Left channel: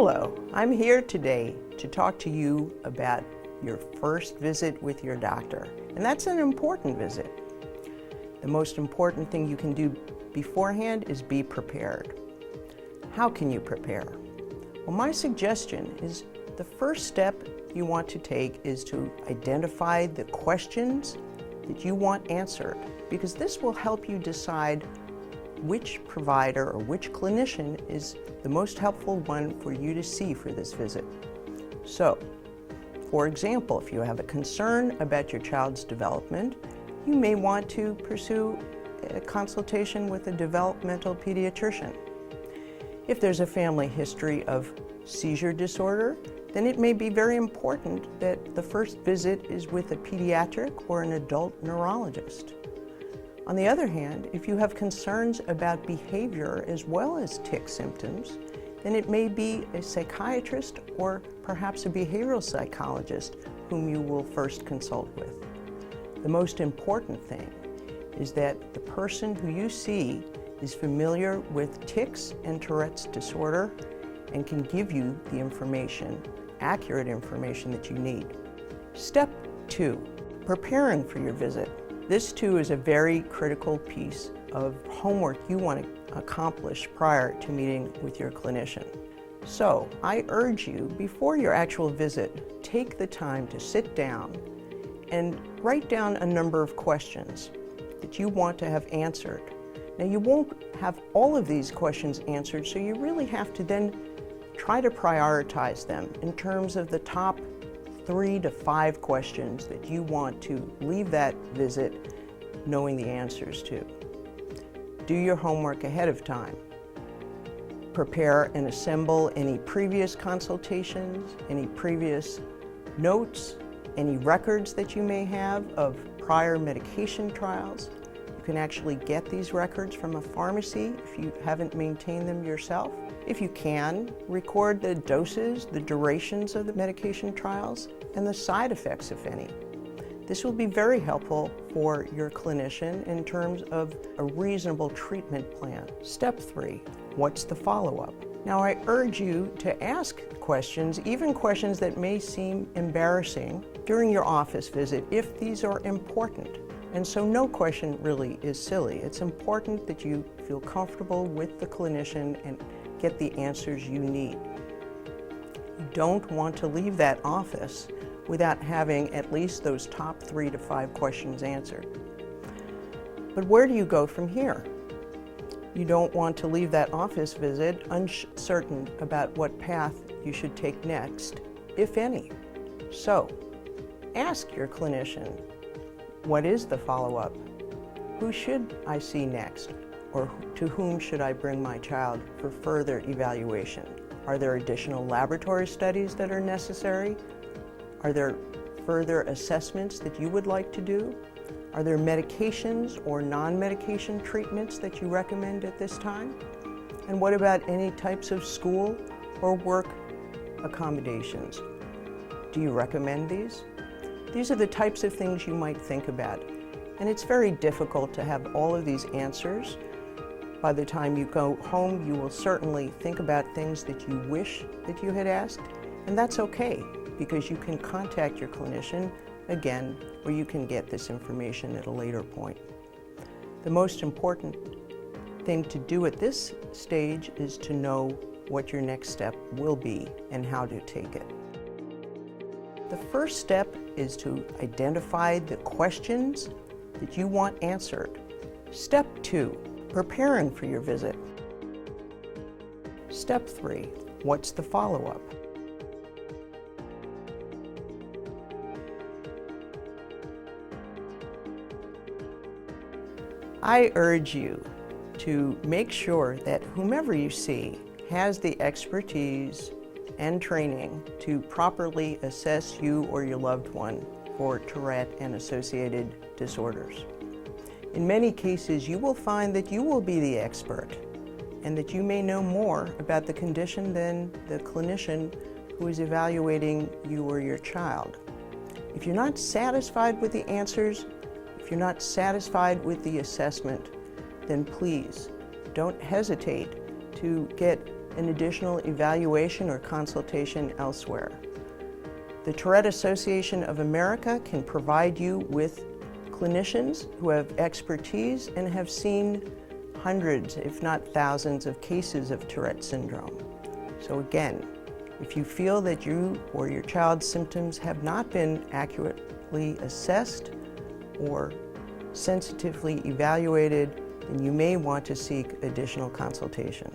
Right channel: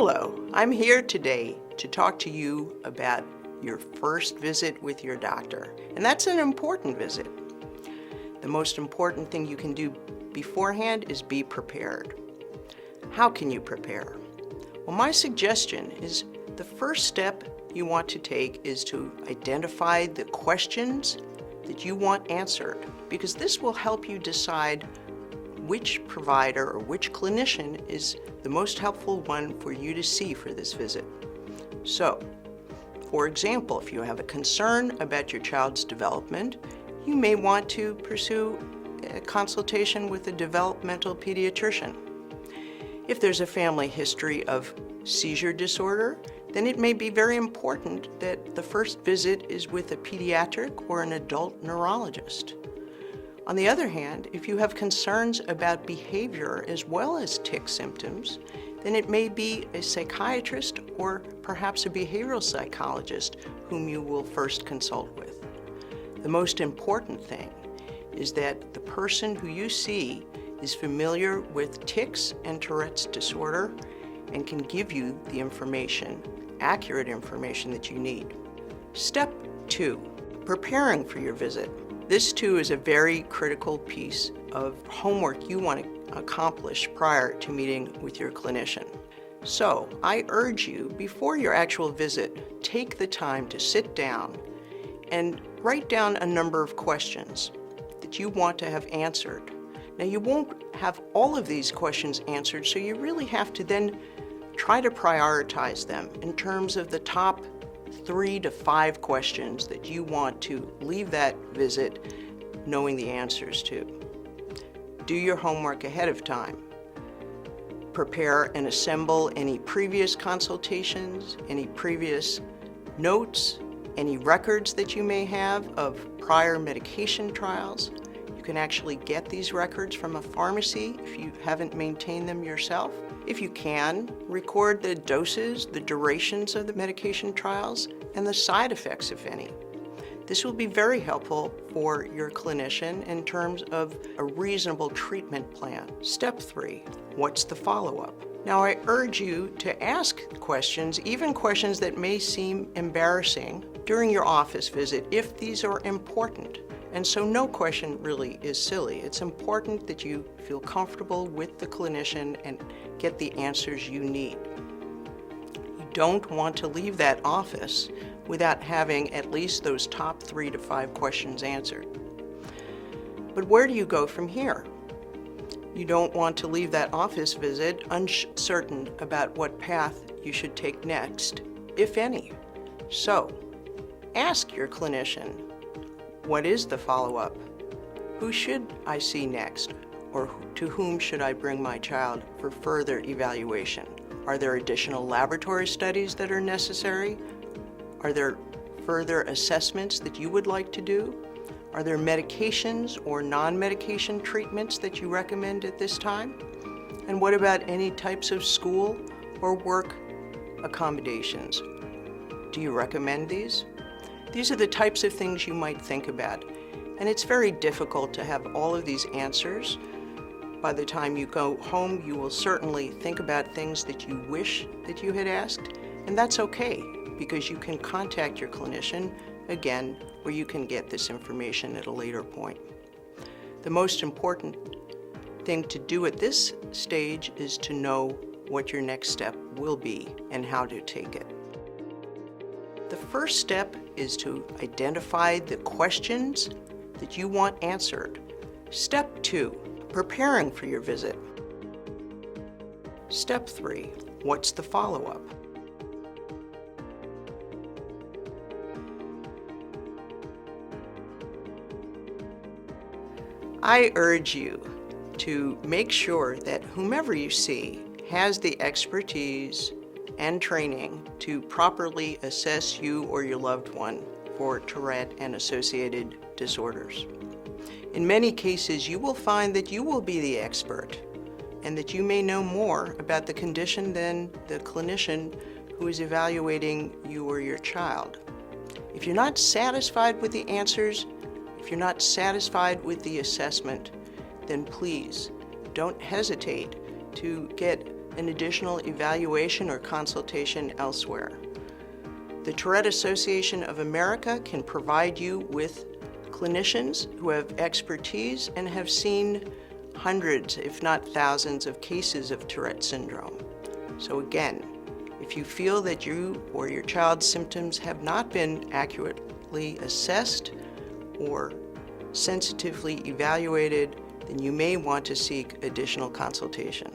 Hello, I'm here today to talk to you about your first visit with your doctor, and that's an important visit. The most important thing you can do beforehand is be prepared. How can you prepare? Well, my suggestion is the first step you want to take is to identify the questions that you want answered, because this will help you decide which provider or which clinician is the most helpful one for you to see for this visit. So, for example, if you have a concern about your child's development, you may want to pursue a consultation with a developmental pediatrician. If there's a family history of seizure disorder, then it may be very important that the first visit is with a pediatric or an adult neurologist. On the other hand, if you have concerns about behavior as well as tic symptoms, then it may be a psychiatrist or perhaps a behavioral psychologist whom you will first consult with. The most important thing is that the person who you see is familiar with tics and Tourette's disorder and can give you the information, accurate information that you need. Step 2, preparing for your visit. This too is a very critical piece of homework you want to accomplish prior to meeting with your clinician. So I urge you, before your actual visit, take the time to sit down and write down a number of questions that you want to have answered. Now, you won't have all of these questions answered, so you really have to then try to prioritize them in terms of the top 3 to 5 questions that you want to leave that visit knowing the answers to. Do your homework ahead of time. Prepare and assemble any previous consultations, any previous notes, any records that you may have of prior medication trials. You can actually get these records from a pharmacy if you haven't maintained them yourself. If you can, record the doses, the durations of the medication trials, and the side effects, if any. This will be very helpful for your clinician in terms of a reasonable treatment plan. Step 3, what's the follow-up? Now, I urge you to ask questions, even questions that may seem embarrassing, during your office visit if these are important. And so no question really is silly. It's important that you feel comfortable with the clinician and get the answers you need. You don't want to leave that office without having at least those top 3 to 5 questions answered. But where do you go from here? You don't want to leave that office visit uncertain about what path you should take next, if any. So, ask your clinician, what is the follow-up? Who should I see next? Or to whom should I bring my child for further evaluation? Are there additional laboratory studies that are necessary? Are there further assessments that you would like to do? Are there medications or non-medication treatments that you recommend at this time? And what about any types of school or work accommodations? Do you recommend these? These are the types of things you might think about. And it's very difficult to have all of these answers. By the time you go home, you will certainly think about things that you wish that you had asked, and that's okay, because you can contact your clinician again, or you can get this information at a later point. The most important thing to do at this stage is to know what your next step will be and how to take it. The first step is to identify the questions that you want answered. Step 2, preparing for your visit. Step 3, what's the follow-up? I urge you to make sure that whomever you see has the expertise and training to properly assess you or your loved one for Tourette and associated disorders. In many cases, you will find that you will be the expert and that you may know more about the condition than the clinician who is evaluating you or your child. If you're not satisfied with the answers, if you're not satisfied with the assessment, then please don't hesitate to get an additional evaluation or consultation elsewhere. The Tourette Association of America can provide you with clinicians who have expertise and have seen hundreds, if not thousands, of cases of Tourette syndrome. So again, if you feel that you or your child's symptoms have not been accurately assessed or sensitively evaluated, then you may want to seek additional consultation.